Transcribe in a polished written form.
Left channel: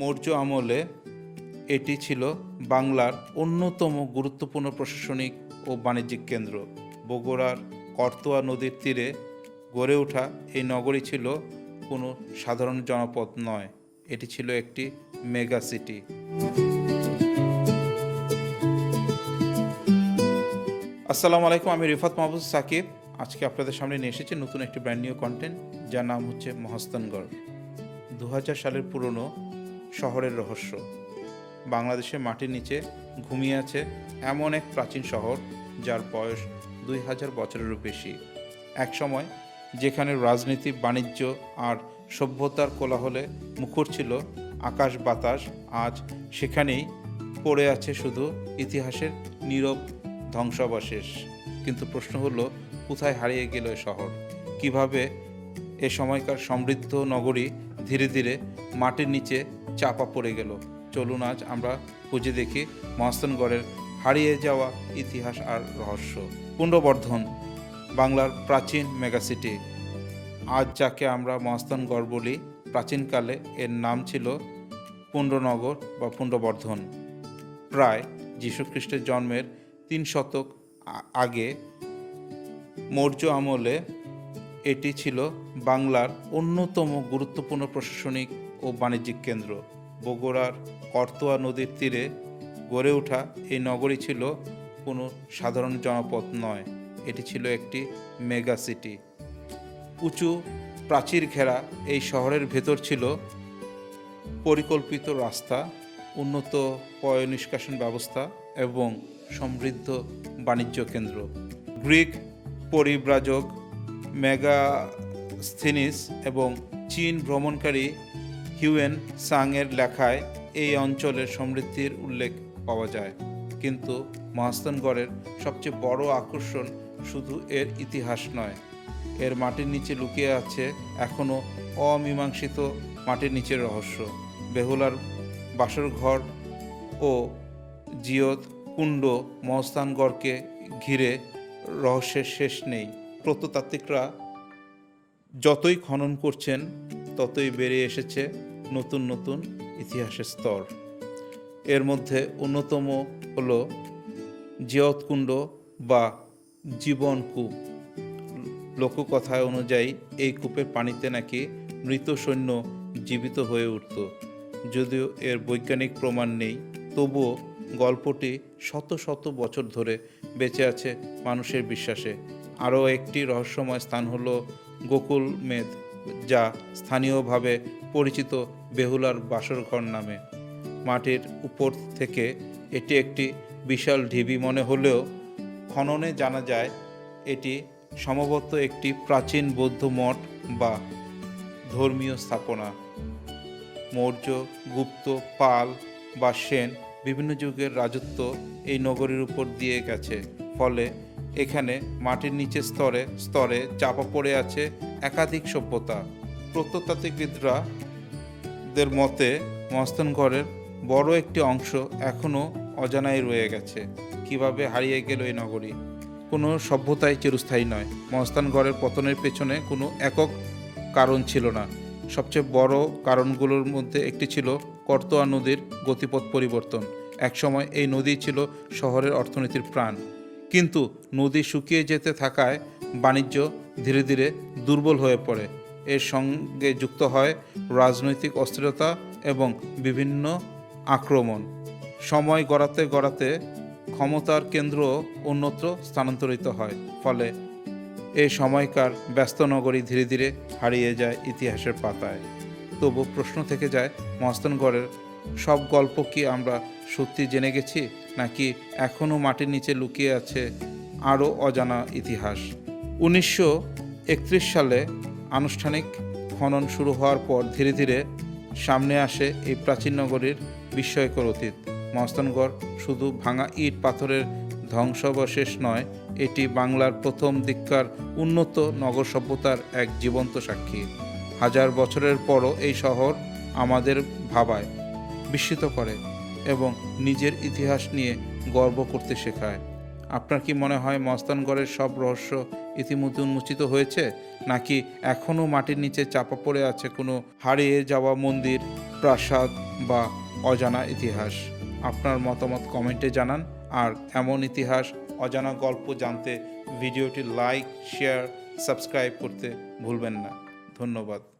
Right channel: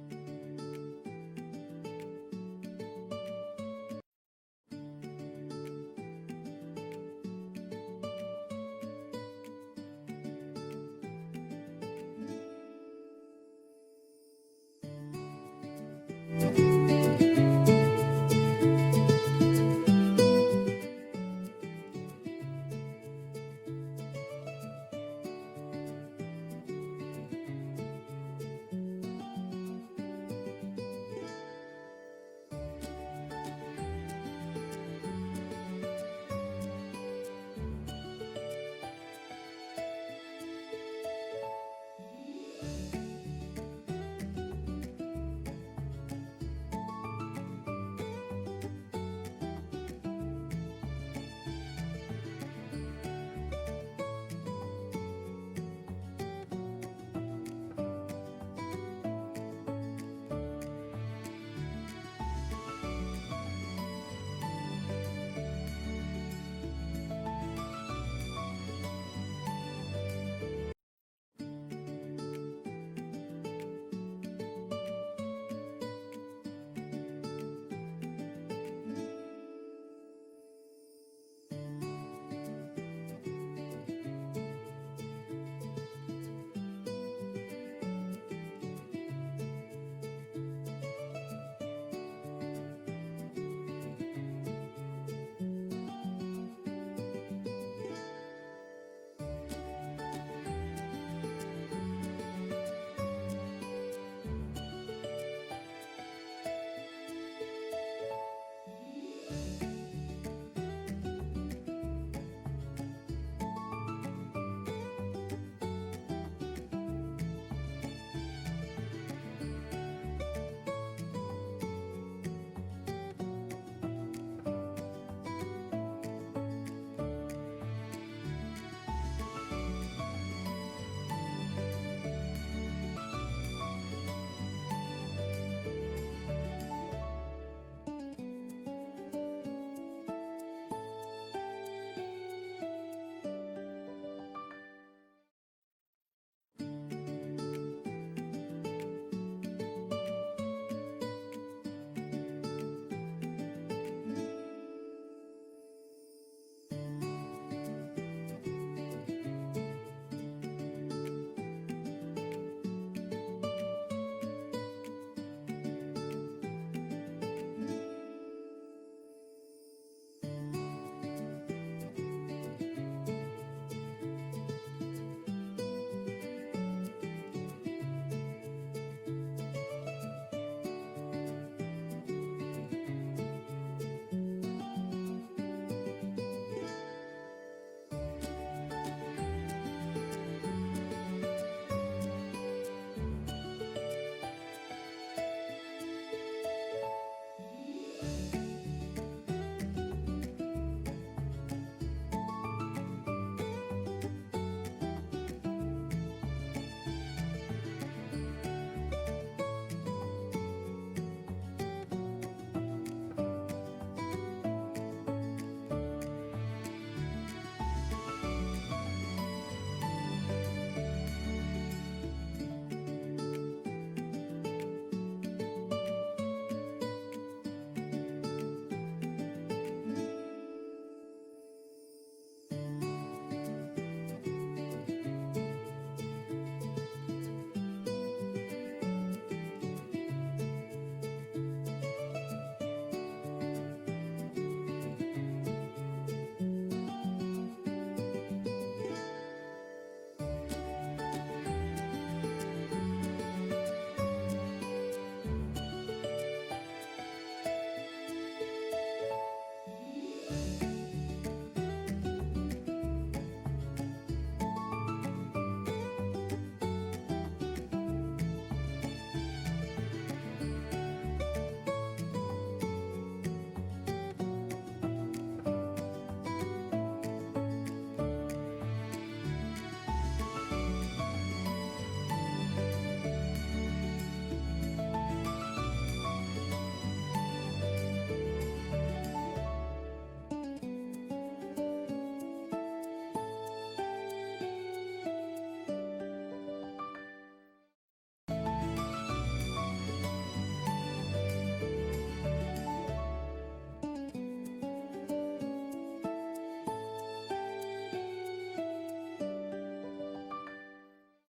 মৌর্য আমলে এটি ছিল বাংলার অন্যতম গুরুত্বপূর্ণ প্রশাসনিক ও বাণিজ্যিক কেন্দ্র। বগুড়ার করতোয়া নদীর তীরে গড়ে ওঠা এই নগরী ছিল কোনো সাধারণ জনপদ নয়, এটি ছিল একটি মেগা সিটি। আসসালামু আলাইকুম, আমি রিফাত মাহবুব সাকিব। আজকে আপনাদের সামনে নিয়ে এসেছি নতুন একটি ব্র্যান্ড নিউ কন্টেন্ট, যার নাম হচ্ছে মহাস্থানগড়। 2000 সালের পুরনো শহরের রহস্য। বাংলাদেশের মাটির নিচে ঘুমিয়ে আছে এমন এক প্রাচীন শহর যার বয়স 2000 বছরেরও বেশি। এক সময় যেখানে রাজনীতি, বাণিজ্য আর সভ্যতার কোলাহলে মুখর ছিল আকাশ বাতাস, আজ সেখানেই পড়ে আছে শুধু ইতিহাসের নীরব ধ্বংসাবশেষ। কিন্তু প্রশ্ন হলো, কোথায় হারিয়ে গেল এ শহর? কিভাবে এ সময়কার সমৃদ্ধ নগরী ধীরে ধীরে মাটির নিচে চাপা পড়ে গেল? চলুন আজ আমরা খুঁজে দেখি মহাস্থানগড়ের হারিয়ে যাওয়া ইতিহাস আর রহস্য। পুণ্ড্রবর্ধন, বাংলার প্রাচীন মেগাসিটি। আজ যাকে আমরা মহাস্থানগড় বলি, প্রাচীনকালে এর নাম ছিল পুণ্ড্রনগর বা পুণ্ড্রবর্ধন। প্রায় যীশুখ্রিস্টের জন্মের 3 শতক আগে মৌর্য আমলে এটি ছিল বাংলার অন্যতম গুরুত্বপূর্ণ প্রশাসনিক ও বাণিজ্যিক কেন্দ্র। বগুড়ার করতোয়া নদীর তীরে গড়ে ওঠা এই নগরী ছিল কোনো সাধারণ জনপদ নয়, এটি ছিল একটি মেগা সিটি। উঁচু প্রাচীর ঘেরা এই শহরের ভেতর ছিল পরিকল্পিত রাস্তা, উন্নত পয় নিষ্কাশন ব্যবস্থা এবং সমৃদ্ধ বাণিজ্য কেন্দ্র। গ্রিক পরিব্রাজক মেগাস্থিনিস এবং চীন ভ্রমণকারী হিউয়েন সাংয়ের লেখায় এই অঞ্চলের সমৃদ্ধির উল্লেখ পাওয়া যায়। কিন্তু মহাস্থানগড়ের সবচেয়ে বড় আকর্ষণ শুধু এর ইতিহাস নয়, এর মাটির নিচে লুকিয়ে আছে এখনও অমীমাংসিত মাটির নিচের রহস্য। বেহুলার বাসরঘর ও জিয়ত কুণ্ড মহাস্থানগড়কে ঘিরে রহস্যের শেষ নেই। প্রত্নতাত্ত্বিকরা যতই খনন করছেন ততই বেরিয়ে এসেছে নতুন নতুন ইতিহাসের স্তর। এর মধ্যে অন্যতম হলো জিয়তকুণ্ড বা জীবন কূপ। লোককথায় অনুযায়ী এই কূপের পানিতে নাকি মৃত সৈন্য জীবিত হয়ে উঠত। যদিও এর বৈজ্ঞানিক প্রমাণ নেই, তবুও গল্পটি শত শত বছর ধরে বেঁচে আছে মানুষের বিশ্বাসে। আরও একটি রহস্যময় স্থান হলো গোকুল মেদ, যা স্থানীয়ভাবে পরিচিত বেহুলার বাসরঘর নামে। মাটির উপর থেকে এটি একটি বিশাল ঢিবি মনে হলেও খননে জানা যায় এটি সম্ভবত একটি প্রাচীন বৌদ্ধ মঠ বা ধর্মীয় স্থাপনা। মৌর্য, গুপ্ত, পাল বা সেন বিভিন্ন যুগের রাজত্ব এই নগরীর উপর দিয়ে গেছে, ফলে এখানে মাটির নিচে স্তরে স্তরে চাপা পড়ে আছে একাধিক সভ্যতা। প্রত্নতাত্ত্বিকদের মতে মহাস্থানগড়ের বড় একটি অংশ এখনও অজানাই রয়ে গেছে। কিভাবে হারিয়ে গেল এই নগরী? কোনো সভ্যতাই চিরস্থায়ী নয়। মহাস্থানগড়ের পতনের পেছনে কোনো একক কারণ ছিল না। সবচেয়ে বড় কারণগুলোর মধ্যে একটি ছিল করতোয়া নদীর গতিপথ পরিবর্তন। একসময় এই নদী ছিল শহরের অর্থনীতির প্রাণ, কিন্তু নদী শুকিয়ে যেতে থাকায় বাণিজ্য ধীরে ধীরে দুর্বল হয়ে পড়ে। এর সঙ্গে যুক্ত হয় রাজনৈতিক অস্থিরতা এবং বিভিন্ন আক্রমণ। সময় গড়াতে গড়াতে ক্ষমতার কেন্দ্র অন্যত্র স্থানান্তরিত হয়, ফলে এই সময়কার ব্যস্ত নগরী ধীরে ধীরে হারিয়ে যায় ইতিহাসের পাতায়। তবু প্রশ্ন থেকে যায়, মহাস্থানগড়ের সব গল্প কি আমরা সত্যি জেনে গেছি, নাকি এখনও মাটির নিচে লুকিয়ে আছে আরও অজানা ইতিহাস? 1931 সালে আনুষ্ঠানিক খনন শুরু হওয়ার পর ধীরে ধীরে সামনে আসে এই প্রাচীন নগরীর বিস্ময়কর অতীত। মহাস্থানগড় শুধু ভাঙা ইট পাথরের ধ্বংসাবশেষ নয়, এটি বাংলার প্রথম দিককার উন্নত নগর সভ্যতার এক জীবন্ত সাক্ষী। হাজার বছরের পরও এই শহর আমাদের ভাবায়, বিস্মিত করে এবং নিজের ইতিহাস নিয়ে গর্ব করতে শেখায়। আপনার কি মনে হয় মহাস্থানগড়ের সব রহস্য ইতিমধ্যে উন্মোচিত হয়েছে, নাকি এখনও মাটির নিচে চাপা পড়ে আছে কোনো হারিয়ে যাওয়া মন্দির, প্রাসাদ বা অজানা ইতিহাস। আপনার মতামত কমেন্টে জানান। আর এমন ইতিহাস, অজানা গল্প জানতে ভিডিওটি লাইক, শেয়ার, সাবস্ক্রাইব করতে ভুলবেন না। ধন্যবাদ।